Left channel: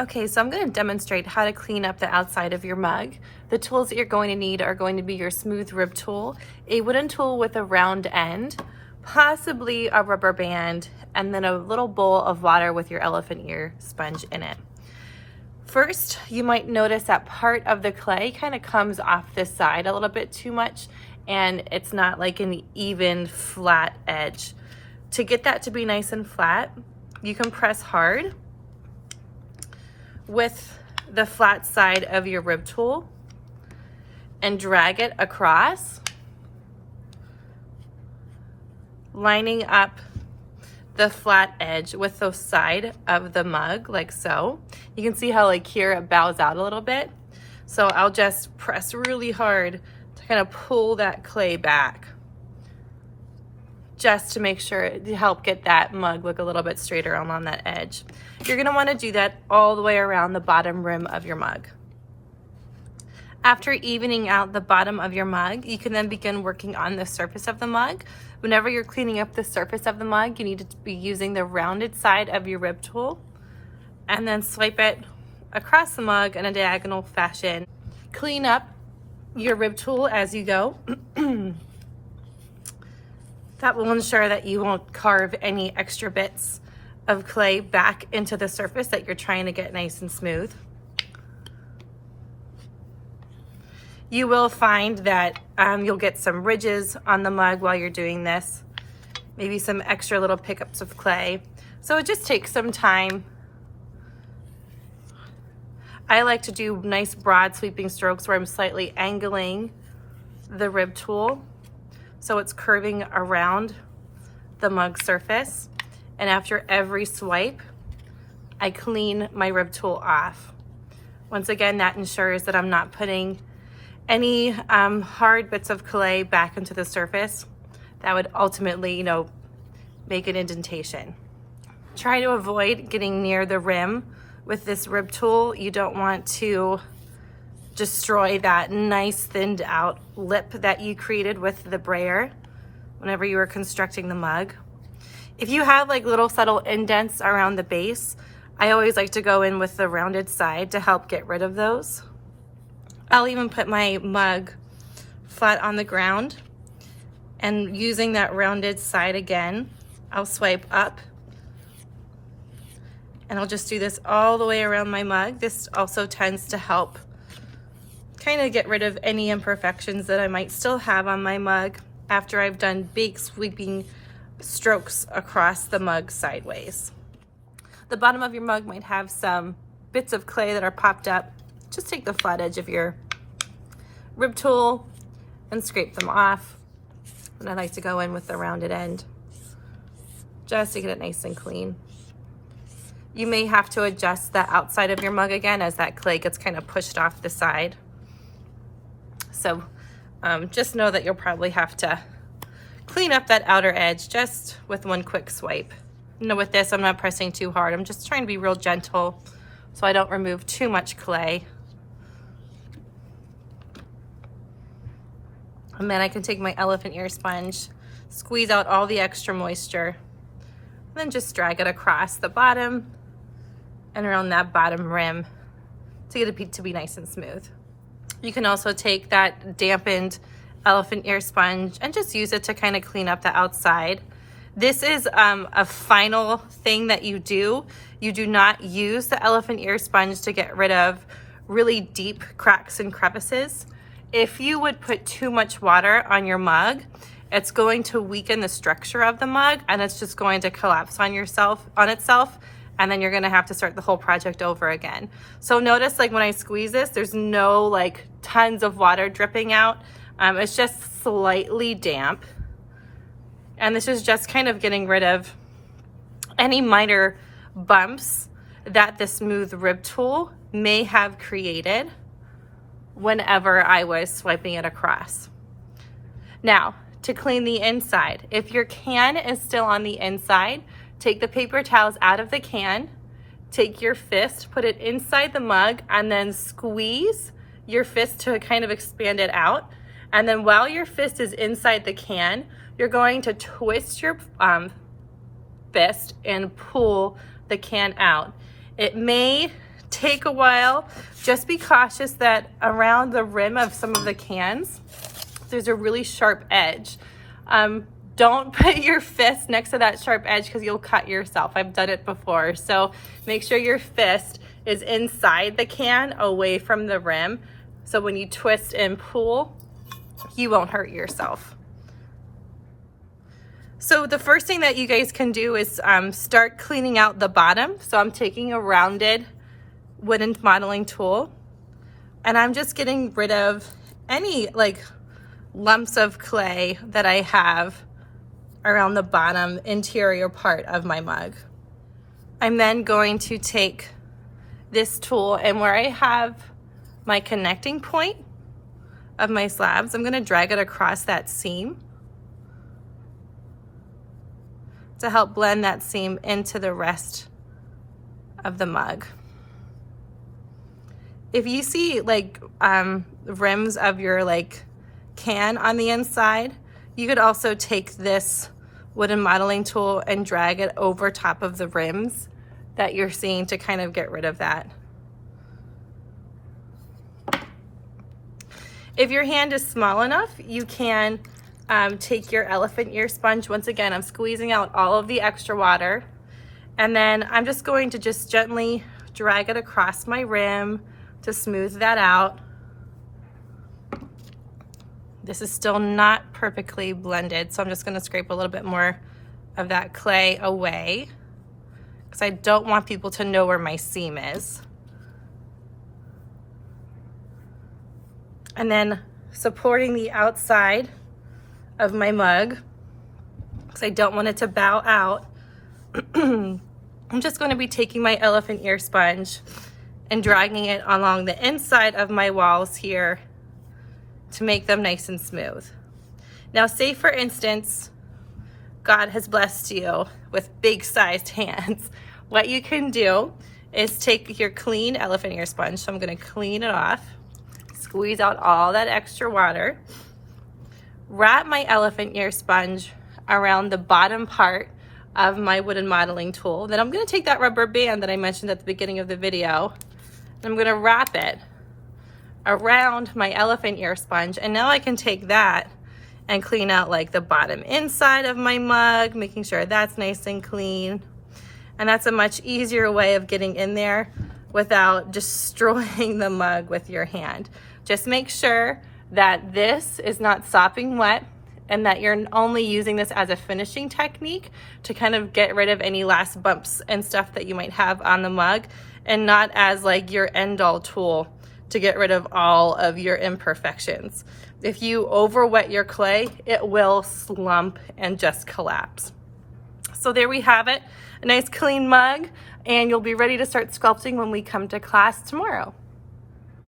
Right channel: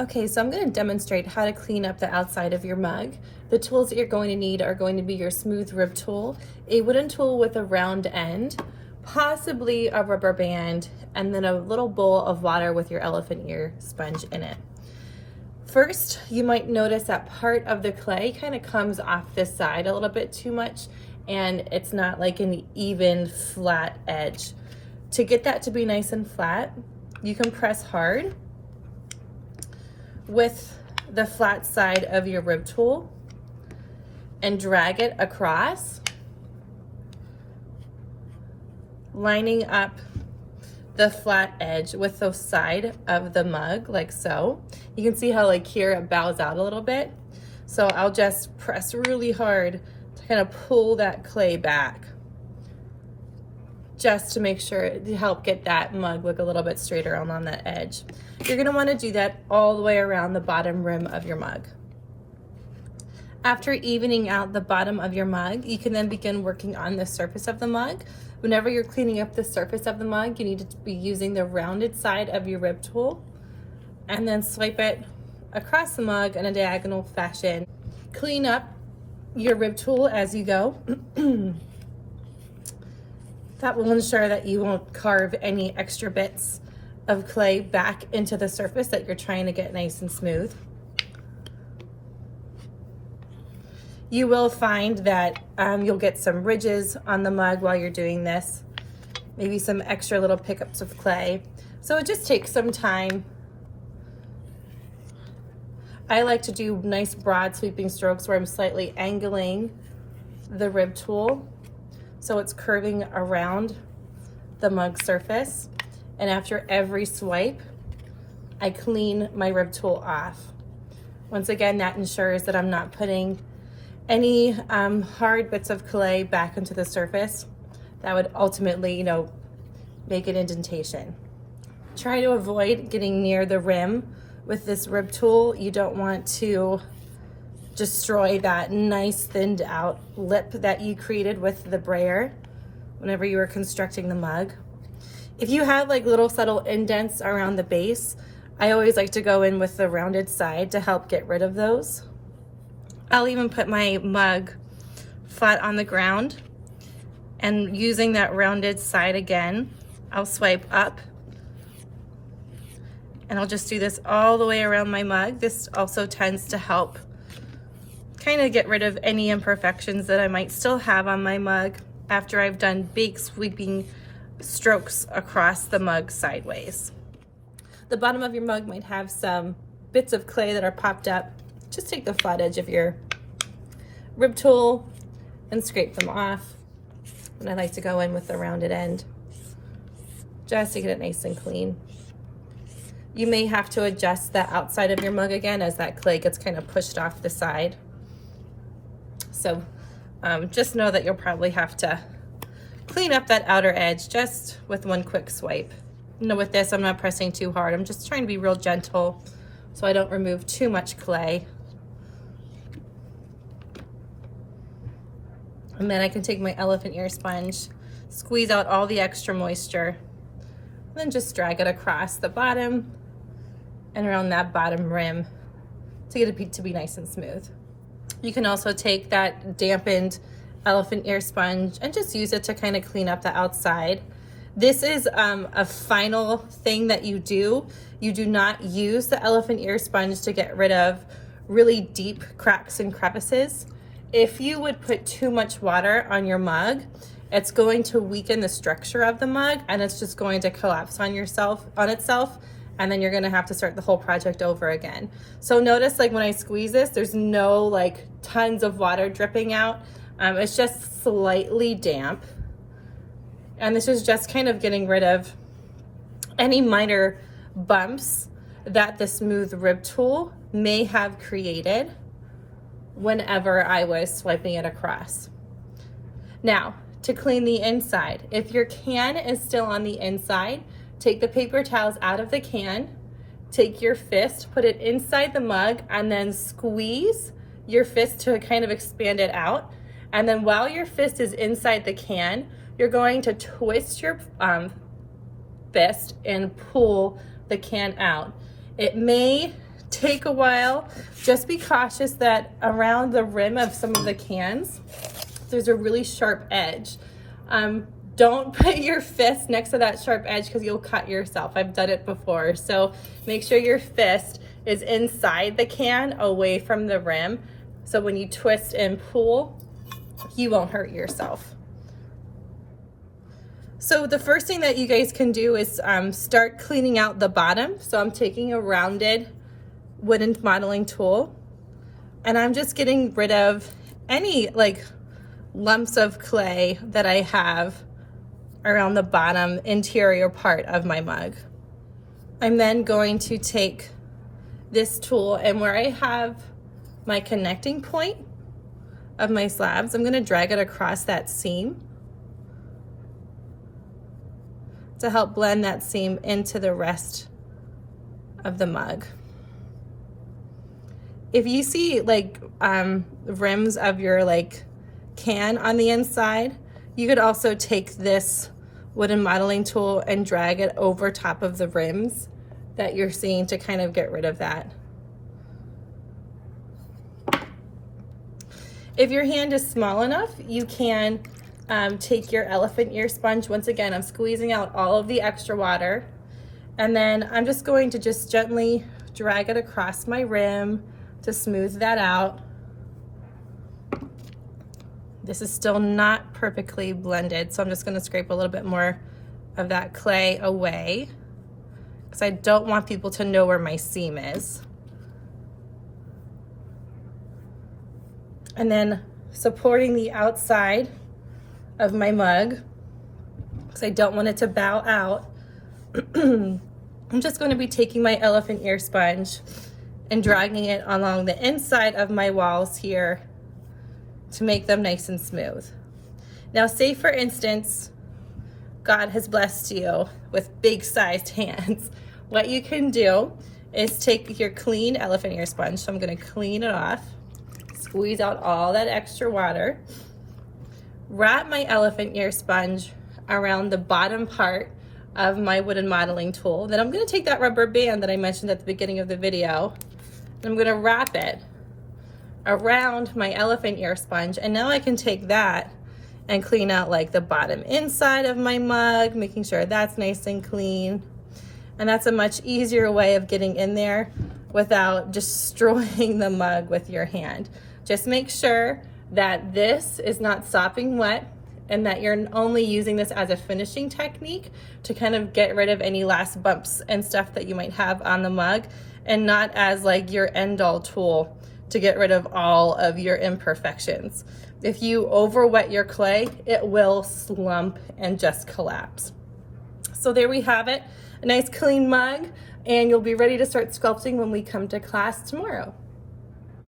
Okay, so I'm going to demonstrate how to clean up the outside of your mug. The tools that you're going to need are going to be your smooth rib tool, a wooden tool with a round end, possibly a rubber band, and then a little bowl of water with your elephant ear sponge in it. First, you might notice that part of the clay kind of comes off this side a little bit too much, and it's not like an even flat edge. To get that to be nice and flat, you can press hard with the flat side of your rib tool and drag it across, lining up the flat edge with the side of the mug like so. You can see how like here it bows out a little bit. So I'll just press really hard to kind of pull that clay back, just to make sure to help get that mug look a little bit straighter along that edge. You're gonna wanna do that all the way around the bottom rim of your mug. After evening out the bottom of your mug, you can then begin working on the surface of the mug. Whenever you're cleaning up the surface of the mug, you need to be using the rounded side of your rib tool and then swipe it across the mug in a diagonal fashion. Clean up your rib tool as you go. That will ensure that you won't carve any extra bits of clay back into the surface that you're trying to get nice and smooth. You will find that you'll get some ridges on the mug while you're doing this, maybe some extra little pickups of clay. So it just takes some time. I like to do nice broad sweeping strokes where I'm slightly angling the rib tool so it's curving around the mug surface. And after every swipe, I clean my rib tool off. Once again, that ensures that I'm not putting any hard bits of clay back into the surface that would ultimately, make an indentation. Try to avoid getting near the rim with this rib tool. You don't want to destroy that nice thinned out lip that you created with the brayer whenever you were constructing the mug. If you have like little subtle indents around the base, I always like to go in with the rounded side to help get rid of those. I'll even put my mug flat on the ground, and using that rounded side again, I'll swipe up, and I'll just do this all the way around my mug. This also tends to help kind of get rid of any imperfections that I might still have on my mug after I've done big sweeping strokes across the mug sideways. The bottom of your mug might have some bits of clay that are popped up. Just take the flat edge of your rib tool and scrape them off. And I like to go in with the rounded end just to get it nice and clean. You may have to adjust the outside of your mug again as that clay gets kind of pushed off the side. So just know that you'll probably have to clean up that outer edge just with one quick swipe. With this, I'm not pressing too hard. I'm just trying to be real gentle so I don't remove too much clay. And then I can take my elephant ear sponge, squeeze out all the extra moisture, and then just drag it across the bottom and around that bottom rim to get it to be nice and smooth. You can also take that dampened elephant ear sponge and just use it to kind of clean up the outside. This is a final thing that you do. You do not use the elephant ear sponge to get rid of really deep cracks and crevices. If you would put too much water on your mug, it's going to weaken the structure of the mug and it's just going to collapse on itself, and then you're gonna have to start the whole project over again. So notice like when I squeeze this, there's no like tons of water dripping out. It's just slightly damp. And this is just kind of getting rid of any minor bumps that the smooth rib tool may have created whenever I was swiping it across. Now, to clean the inside, if your can is still on the inside, take the paper towels out of the can, take your fist, put it inside the mug, and then squeeze your fist to kind of expand it out. And then while your fist is inside the can, you're going to twist your fist and pull the can out. It may take a while. Just be cautious that around the rim of some of the cans, there's a really sharp edge. Don't put your fist next to that sharp edge because you'll cut yourself. I've done it before. So make sure your fist is inside the can, away from the rim. So when you twist and pull, you won't hurt yourself. So the first thing that you guys can do is start cleaning out the bottom. So I'm taking a rounded wooden modeling tool and I'm just getting rid of any like lumps of clay that I have around the bottom interior part of my mug. I'm then going to take this tool and where I have my connecting point of my slabs, I'm going to drag it across that seam to help blend that seam into the rest of the mug. If you see like rims of your like can on the inside, you could also take this wooden modeling tool and drag it over top of the rims that you're seeing to kind of get rid of that. If your hand is small enough, you can take your elephant ear sponge. Once again, I'm squeezing out all of the extra water. And then I'm just going to just gently drag it across my rim to smooth that out. This is still not perfectly blended, so I'm just gonna scrape a little bit more of that clay away because I don't want people to know where my seam is. And then supporting the outside of my mug because I don't want it to bow out. I'm just going to be taking my elephant ear sponge and dragging it along the inside of my walls here to make them nice and smooth. Now, say for instance, God has blessed you with big sized hands. What you can do is take your clean elephant ear sponge. So I'm going to clean it off, squeeze out all that extra water, wrap my elephant ear sponge around the bottom part of my wooden modeling tool. Then I'm going to take that rubber band that I mentioned at the beginning of the video, and I'm going to wrap it around my elephant ear sponge. And now I can take that and clean out like the bottom inside of my mug, making sure that's nice and clean. And that's a much easier way of getting in there without destroying the mug with your hand. Just make sure that this is not sopping wet and that you're only using this as a finishing technique to kind of get rid of any last bumps and stuff that you might have on the mug, and not as like your end-all tool to get rid of all of your imperfections. If you over wet your clay, it will slump and just collapse. So there we have it, a nice clean mug, and you'll be ready to start sculpting when we come to class tomorrow.